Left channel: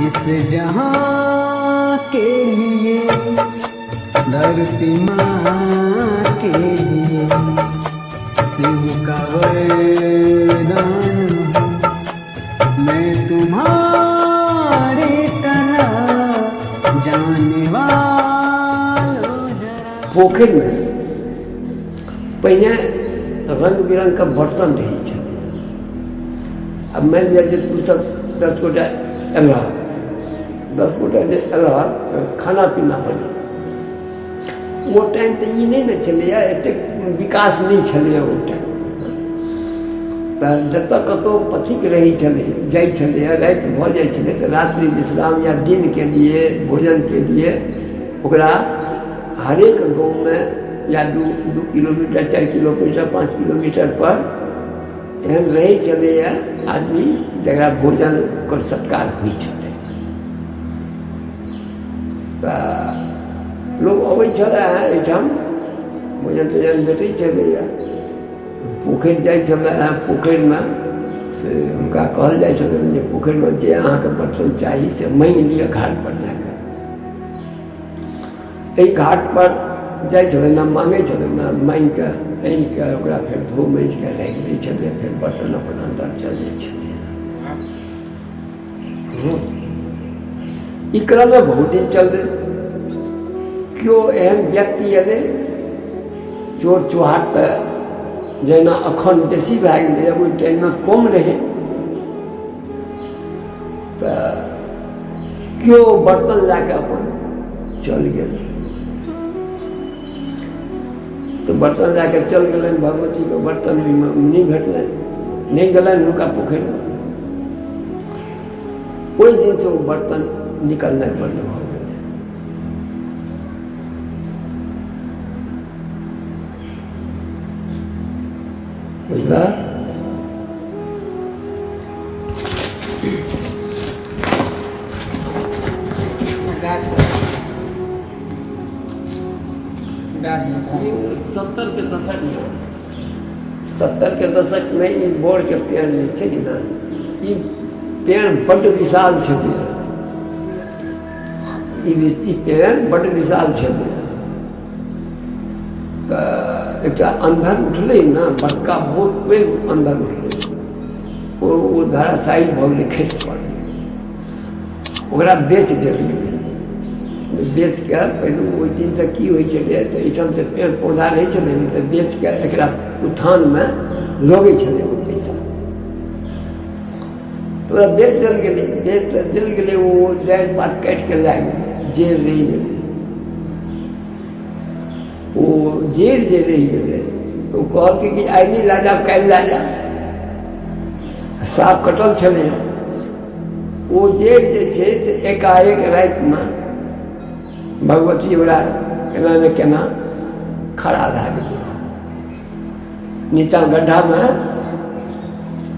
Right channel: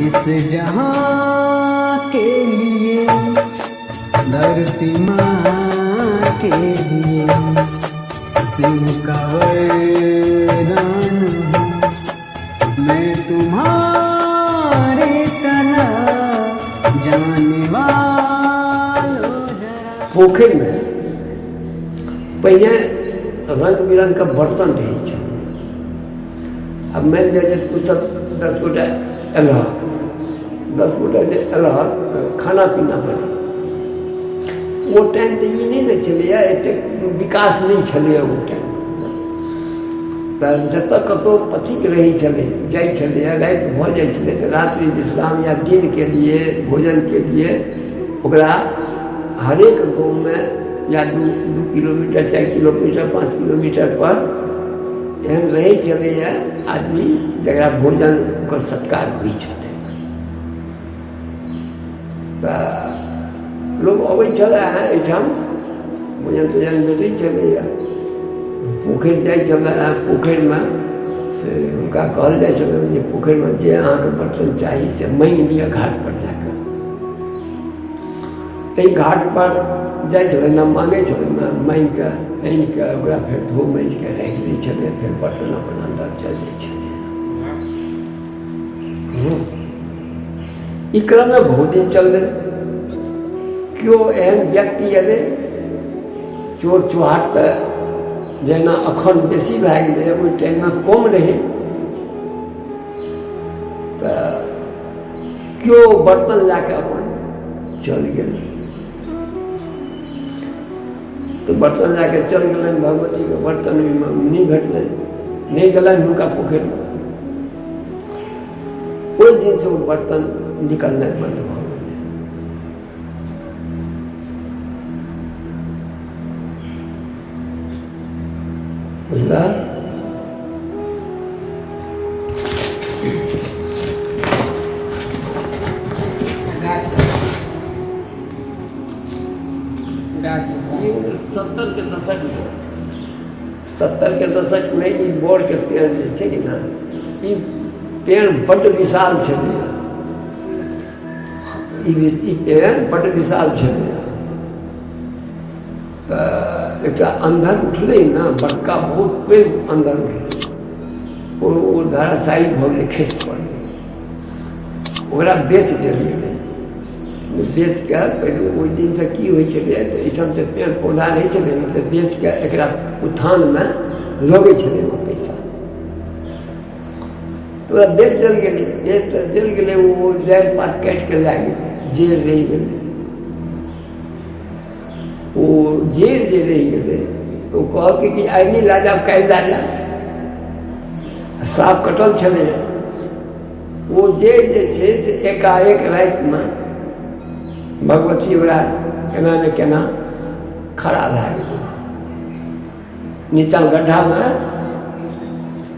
इस जहां के लिए, धरती माँ के लिए शिव का वरदान हूँ। मैं तुम्हारी तरह जाने वालों जरा। पोखर में पहले रंग बिरंग का बर्तन रही छे। अब मान लिया तू सब 10 गोटा एलह, 10 गोटा जे एलह खाना पीना बना। वो टाइम तो ये नहीं न चले, एते विकास नहीं चले। वो टाइम तो जत कतो पथिक रही चले जाय चले, रात भ जाय चले तो रात्रि विश्राम या दिन के लिए भोजन के लिए ओकरा हरेक गाँव में या 2 किलोमीटर 4 किलोमीटर 5 किलोमीटर पर एहन रही चले आदमी जरा भोजन और सत्कार हुई चले। तो लोग अबै चले एठाम भोजन तोजन भेटै चले। पोखर जाय चले, पोखर में से उनका कहल जाय चले जे पोखर में जे अहाँके बर्तन चाहिए से मांग लिया घाट पर जाकर। एहि घाट पर जाय चले ना मांगे चले ना मांग के आनि के ओकरा फिर धो माँज के राखि दै छलै, फिर बर्तन अपन अंदर चल जाइ छलै। ई क्रम में बहुत दिन चललै। केओ एहन व्यक्ति अयलै, चोर चुहाट तऽ जेना अखन बेसी भए गेलै, ओहि टाइम में कम रहै। तऽ केओ बर्तन लए अपन चल गेल। तो बर्तन लैके चल गए भगवती के बर्तन नहीं भेटल, नहीं गलन हुनका पोखर में। ओहि दिन से वो बर्तन निकलना बंद भ गए। बुझला? गाछ 70 के दशक में, 70 के दशक में ई बोर के पेड़ जे छै कि ना, ई पेड़ बड़ विशाल छलै। ई पेड़ बड़ विशाल छलै। तो एक अंधर उठलै ना, बड़का बहुत पैघ अंधर उठलै। वो धराशायी भ गेलै, खसि पड़लै। ओकरा बेच देल गेलै। बेच के पहले ओहि दिन से की होइ छलै तऽ एहिठाम से पेड़ पौधा रहै छलै ने, तऽ बेच के एकरा उत्थान में लगै छलै वो पैसा। तो ओकरा बेच देल गेलै। बेच देल गेलै, वो डारि पात काटि के लए गेलै, जेड़ रहि गेलै। वो जेड़ जे रहि गेलै तऽ ओ कहलकै कि आइ नहि लए जायब, काल्हि लए जायब। साफ कटल छलै। वो जेड़ जे छै से एकाएक राति में भगवती ओकरा केना ने केना खड़ा भए गेलै। नीचाँ गड्ढा में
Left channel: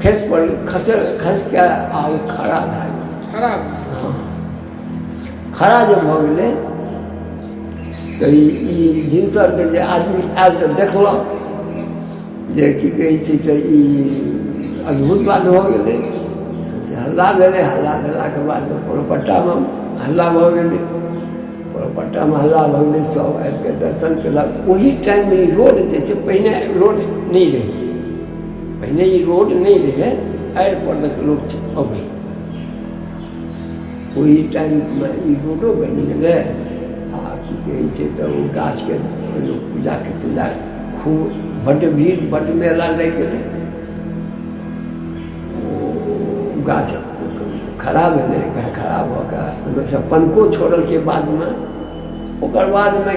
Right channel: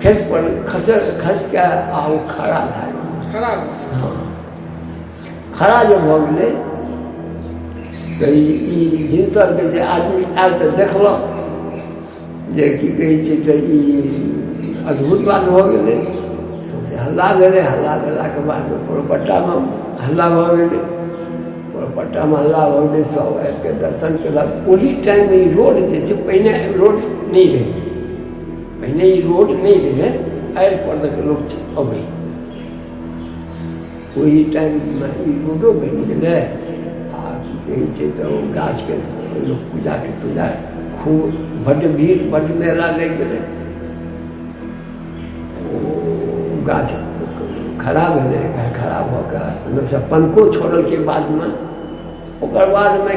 खसि पड़लै, खसि के आ ओ खड़ा भए गेलै। खड़ा? हाँ, खड़ा जे भऽ गेलै तऽ ई भिनसर के जे आदमी आयल तऽ देखलक जे की कहै छै तऽ ई अद्भुत बात भऽ गेलै। हल्ला भेलै। हल्ला भेलाके बाद पोरपट्टा में हल्ला भऽ गेलै। पोरपट्टा में हल्ला भऽ गेलै, सब आबि के दर्शन केलक। ओहि टाइम में ई रोड जे छै, पहिने रोड नहीं रहे, पहिने ई रोड नहीं रहे, आड़ि पर के लोग अबै। ओहि टाइम में ई रोडो बनि गेलै। आ की कहै छै तऽ ओ गाछ के लोग पूजा खूब बड्ड भीड़, बड्ड मेला लागि गेलै। ओ गाछ खड़ा भेलै। खड़ा भऽ कऽ ओहिमे से पनको छोड़ल के बाद में, ओकर बाद में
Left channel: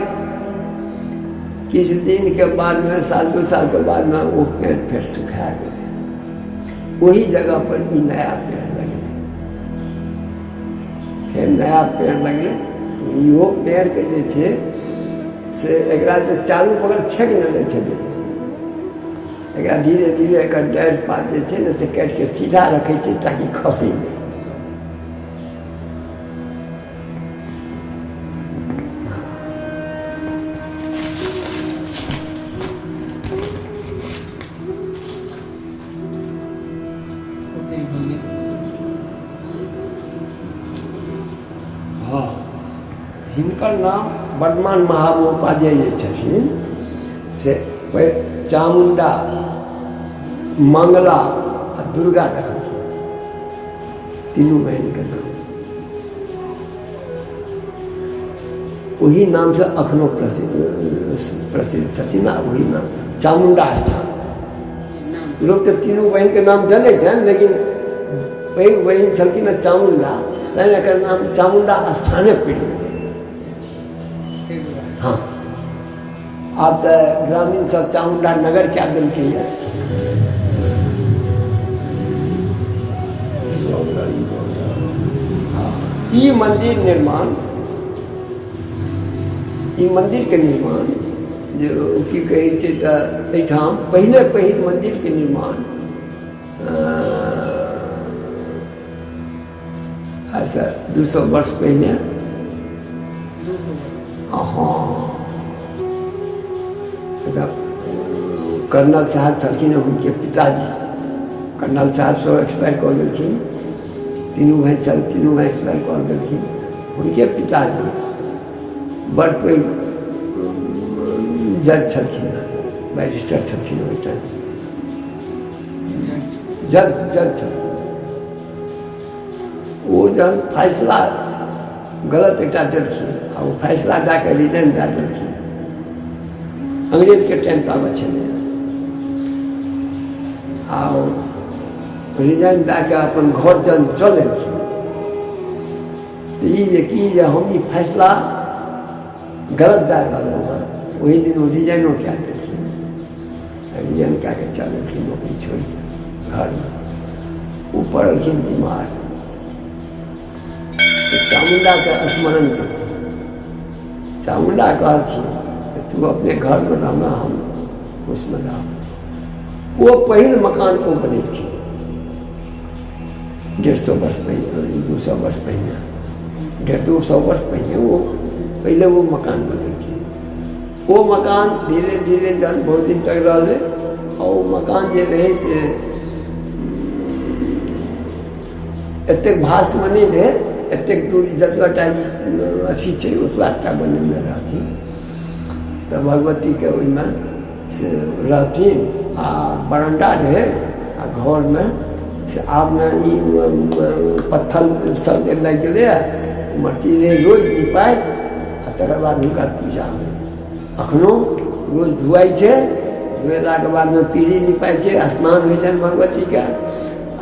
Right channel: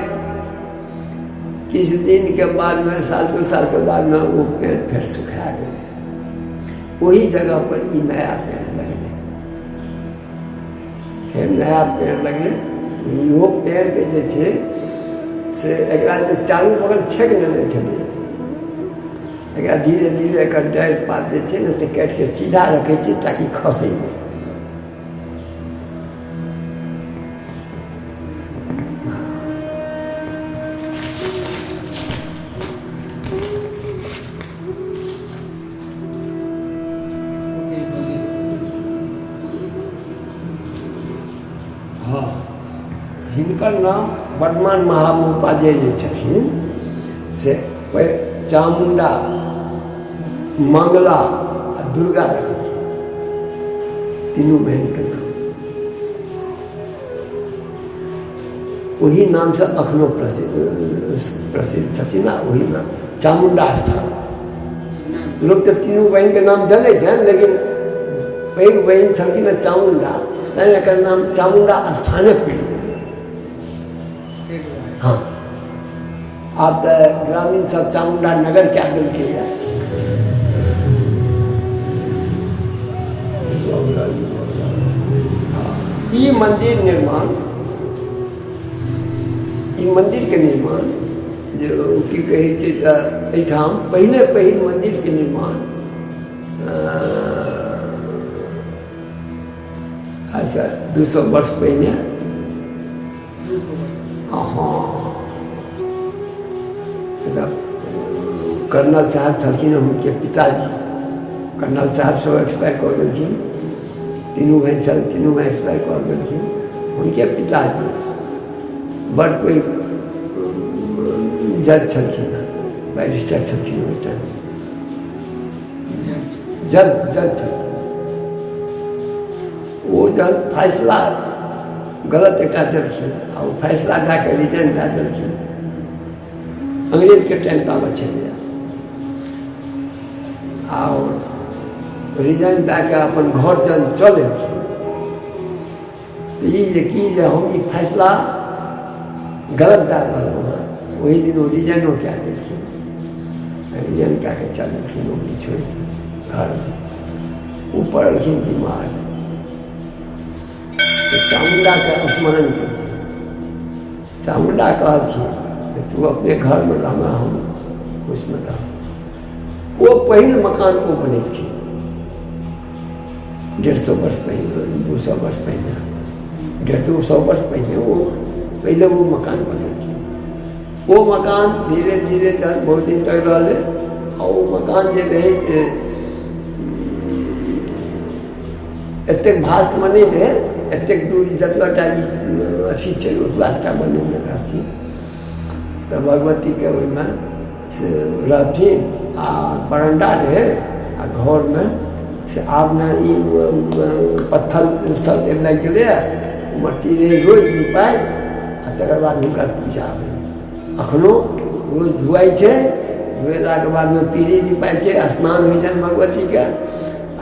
किछु दिन के बाद में, साल 2 साल के बाद में वो पेड़ फिर सुखा गेलै। वही जगह पर ई नया पेड़ लगलै। फिर नया पेड़ लगलै। इहो पेड़ के जे छै से एकरा जे चारू बगल छेक देने छलै, एकरा धीरे धीरे एकर डारि पात जे छै ने से काटि के सीधा रखै छै ताकि खसै नहि। हाँ हिनकर नाम वर्धमान महामहोपाध्याय जे छथिन से चामुंडा मंगला आ दुर्गा रखलखिन तीनों बहन के नाम। वही नाम से अखनो प्रसिद्ध छथिन आ वही नाम चामुंडा स्थान। लोग तो तीनों बहन के नाम जाने छनि लेकिन पैघ बहन छलखिन चामुंडा तैं एकर नाम चामुंडा स्थाने पड़ि गेलै। हाँ आब तऽ ग्रामीण सब चामुंडा नगर कए देलकैए। ई मंदिर के निर्माण जे की कहै छै तऽ एहिठाम पहिल मंदिर के निर्माण ऐसा 200 वर्ष पहिने। हाँ कर्नल साहब छलखिन हुनके पिताजी। कर्नल साहब सब एक्सपायर कऽ गेलखिन। तीनों भाई एक्सपायर कऽ गेलखिन। हुनके पिताजी बड़ पैघ जज छलखिन, बैरिस्टर छलखिन ओहि टाइम, जज छलखिन। वो जहन फैसला गलत एकटा देलखिन आ ओ फैसला दए कऽ रिजाइन दए देलखिन। अंग्रेजके टाइम ताबत छलैए आओर रिजाइन दए कऽ अपन घर जन चल एलखिन तऽ ई जे हम ई फैसला गलत दए रहलहुँ हँ ओहि दिन ओ रिजाइनो कए देलखिन। रिजाइन कए कऽ चल एलखिन नौकरी छोड़ि कऽ घरमे। ओ पड़लखिन बीमार। चामुंडा के स्मरण केलखिन। चामुंडा कहलखिन तू अपने घर में रहना, हम उसमें रह। वो पहिल मकान वो बनेलखिन 150 वर्ष पहले, 200 वर्ष पहले, 150-200 वर्ष पहले वो पहले वो मकान बनेलखिन। वो मकान धीरे धीरे जहन बहुत दिन तक रहलै आ वो मकान जे रहै से एतेक भास्तमे नहि रहै। एतेक दूर जतबाटा अथी छै ओतबाटा बनेने रहथिन तऽ भगवतीके ओहिमे से रहथिन आ बरंडा रहै आ घरमे से आब ने ई पत्थर सब लागि गेलै, मट्टी रहै रोज निपाइ आ तकर बाद हुनकर पूजा होइ। अखनो रोज धुआइ छै, धुएलाके बादमे पीढ़ी निपाइ छै, स्नान होइ छनि भगवतीके।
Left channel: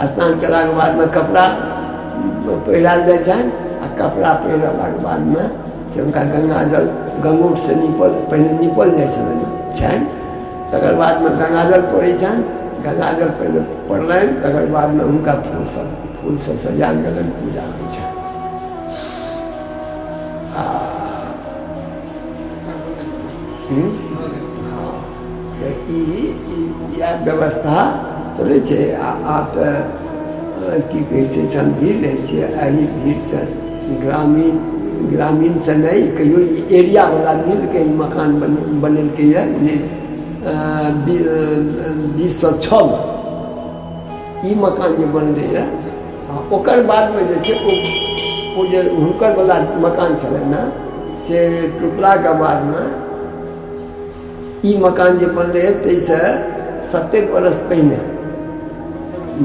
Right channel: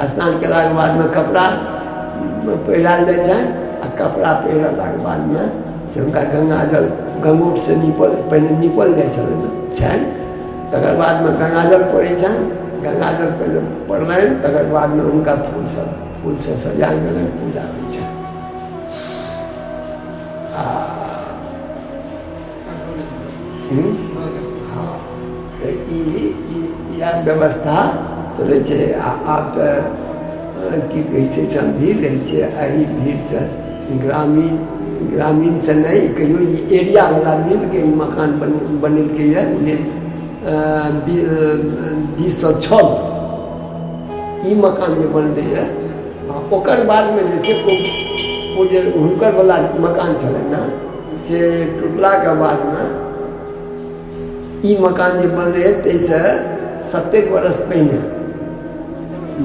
स्नान केलाके बादमे कपड़ा पहिरायल जाइ छनि आ कपड़ा पहिरलाके बादमे से हुनका गंगाजल गंगोटसँ पहिने नीपल जाइ छनि। तकर बादमे गंगाजल पड़ै छनि। गंगाजल पहिले पड़लनि तकर बादमे हुनका फूलसँ सजायल गेलनि, पूजा होइ छनि। हाँ इएह व्यवस्था चलै छै। आब तऽ की कहै छै एहिठाम भीड़ रहै छै। एहि भीड़सँ ग्रामीणसँ नहि कहियो एरियावला मिलके ई मकान बनेलकैए 1906 में ई मकान जे बनलैए। ओकर बादमे जे छै ओ जे हुनकर वला मकान छलनि ने से टूटलाके बादमे ई मकान जे बनलै ताहिसँ 70 बरस पहिने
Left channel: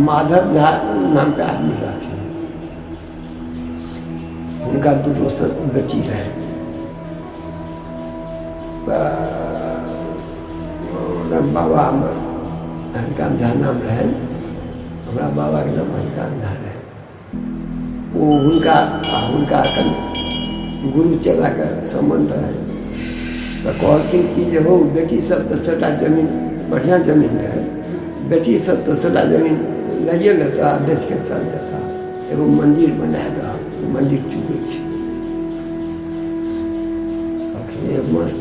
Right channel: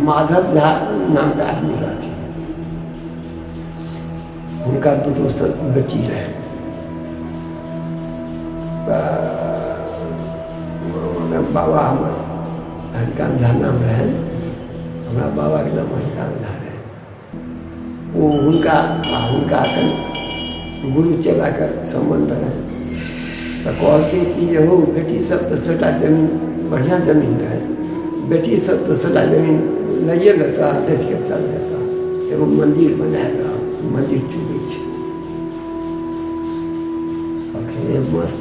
माधव झा नाम के आदमी रहथिन। हुनका दूगो बेटी रहै। बाबा हमर हरिकान्त झा नाम रहनि। हमरा बाबाके नाम हरिकान्त झा रहै। ओ हुनका कनि गुरु चेलाके सम्बन्ध रहै तऽ कहलखिन कि जे हो बेटी सब तऽ सबटा जमीन बढ़िआँ जमीन रहै, बेटी सब तऽ सबटा जमीन लइए लेता, बेच के चल जाता, एगो मंदिर बना दह, मंदिर चुकै छै। मस्त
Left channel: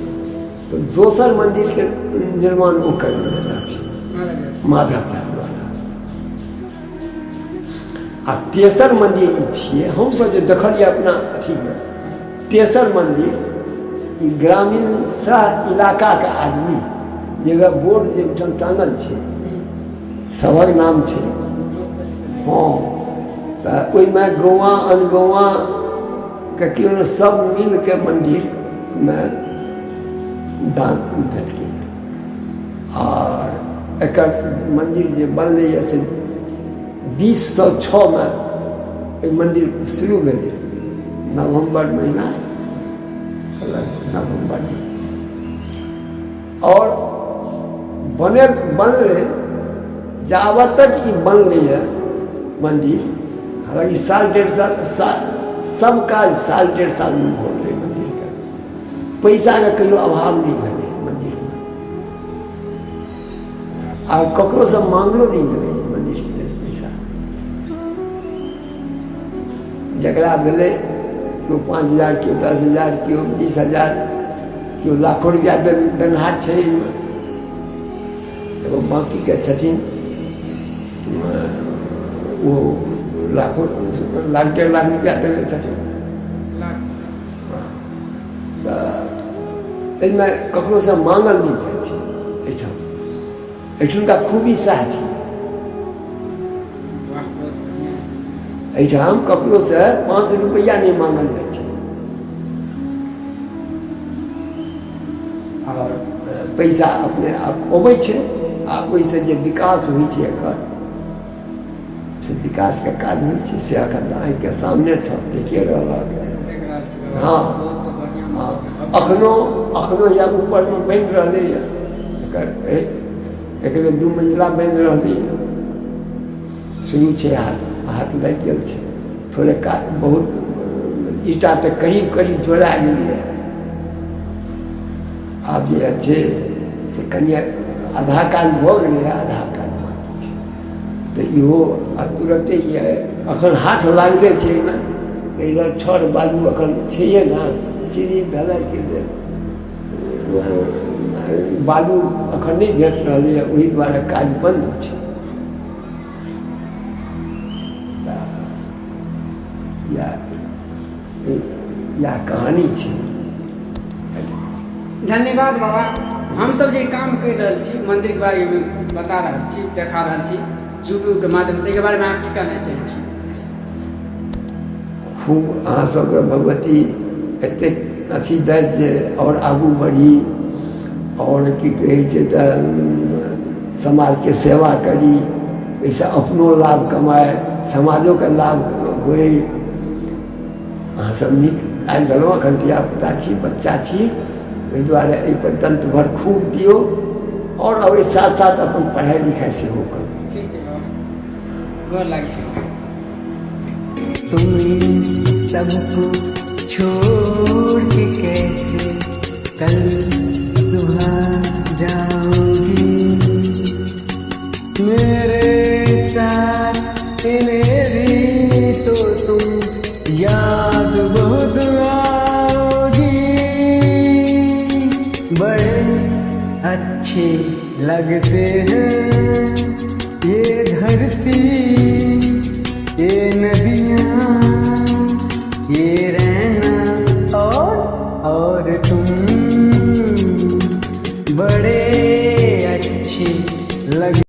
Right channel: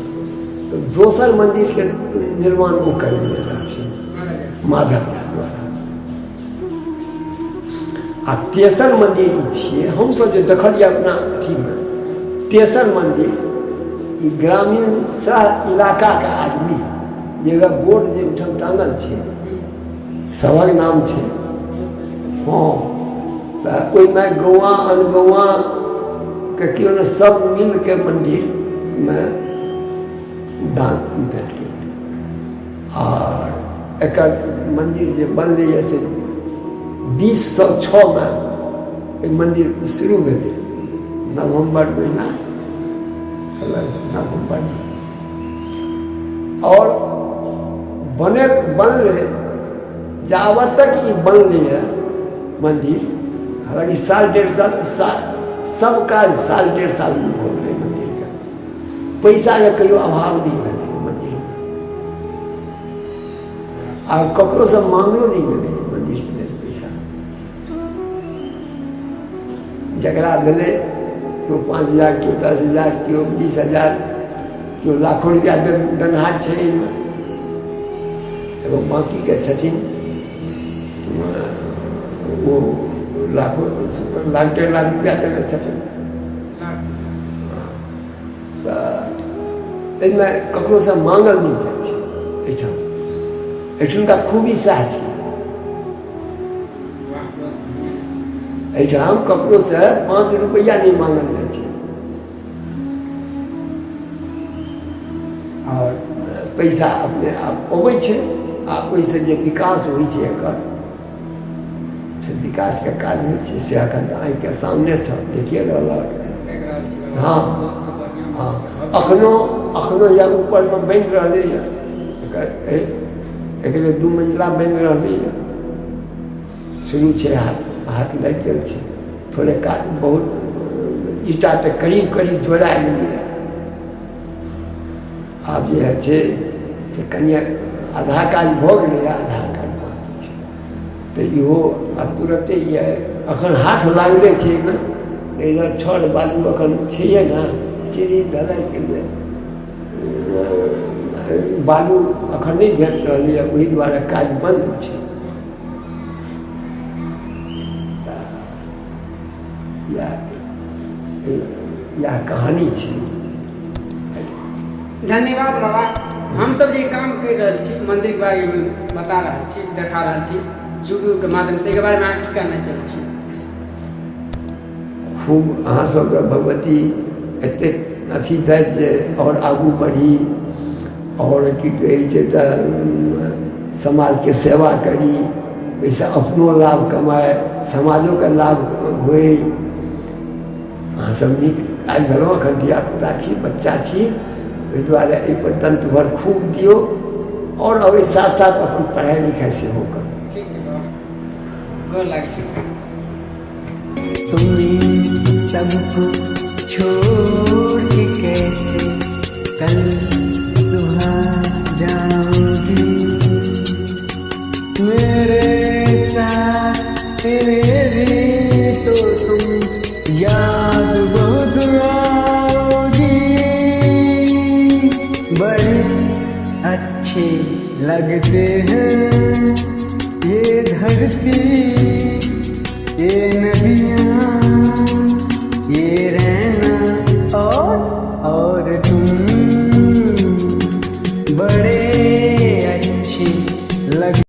तो दोसर मंदिर के निर्माण वो करने रहथिन माधव झा द्वारा। आ तेसर मंदिर ई छियै हमसब जे देखलिए अपना अथीमे। तेसर मंदिर ई ग्रामीण सह इलाका के आदमी जगह बोर्ड जे ओहिठाम टांगल छै सभक नाम छै। हाँ तऽ ओहिमे गौआ अनगौआ के क्यों न सब मिल के मंदिर में दान देलकै और एक मंदिर जो बनलै से 2006 में मंदिर शुरू भेलै नवंबर महीना नवंबर में और बनले जावत तक ये बनले है मंदिर हालांकि साल डेढ़ साल सब काज साल डेढ़ साल में हो गए मंदिर का पैसा का कहियो अभाव नहीं भेलै मंदिर में और ककरो से मांगलो नहीं भेलै मंदिर के लिए पैसा जकरा भेलै क्यों 5,000 क्यों 10,000 क्यों 20,000 क्यों लाखों रुपया देनहार है इनमें एवं बाकी के छथिन वो लाखों लाख 1.5 लाख रुपया देने छथिन तो इनमें ककरो से मांगल नहीं जाए छै एहिठाम का खूबी सएह छै एहिठाम ककरो से 5 रुपया नहीं मांगल जाए छै और पैसा अपने आप अबै छै आ ओहिसँ जे विकास होइ छै एकर से विकास के काज होइ छै से एखन आँखिके सामने छ देखिए रहलक हाँ हाँ अखनो या ऊपर में बनि रहलै है एक 2 मंजिला बनि रहलै है शुरू छै हाथ लग गेल छै थोड़े काज बहुत ईटा तक करीब जोड़ा गेलिए आब जे छै से कनिया आधा काज भऽ गेलै आधा काज बाकी छै तऽ इहो तुरंते ये अखन हाथ लागले छै एहिमे इधर छड़ बालू अखन छैहे ने सीढ़ी ढलाई के लेल बालू अखन नहीं भेट रहलै है ओहि दुआरे काज बंद छै या कहानी छै। धन्यवाद बाबा। हम सब जे काम कर रहल छी मंदिर के बारे में बता रहल छी देखा रहल छी यूट्यूब के माध्यम से, बारे में अहाँ की कहना चाहै छी? खूब अहाँ सबके भगवती एतेक अथी दैत जे और आगू बढ़ी और की कहै छै तऽ समाज के सेवा करी, एहिसँ अपनो लाभ कमाए समाजो के लाभ होय। अहाँ सब नीक काज देलहुँ, एखन धिया पुता छी बच्चा छी, ओहि दुआरे एहि पर दंत भर खूब दियो और अब साथ साथ अपन पढ़ाई लिखाई सेहो करू। ठीक छै बाबा, गोर लागै छै। तुम्हें सबको छोड़ के कैसे कल सुबह जाओगी, मेरे साथ मेरी तो तुम याद बहुत आओगी। बड़े अच्छे लगते हैं ये धरती, ये नदियाँ, ये रहना और तुम, बड़े अच्छे लग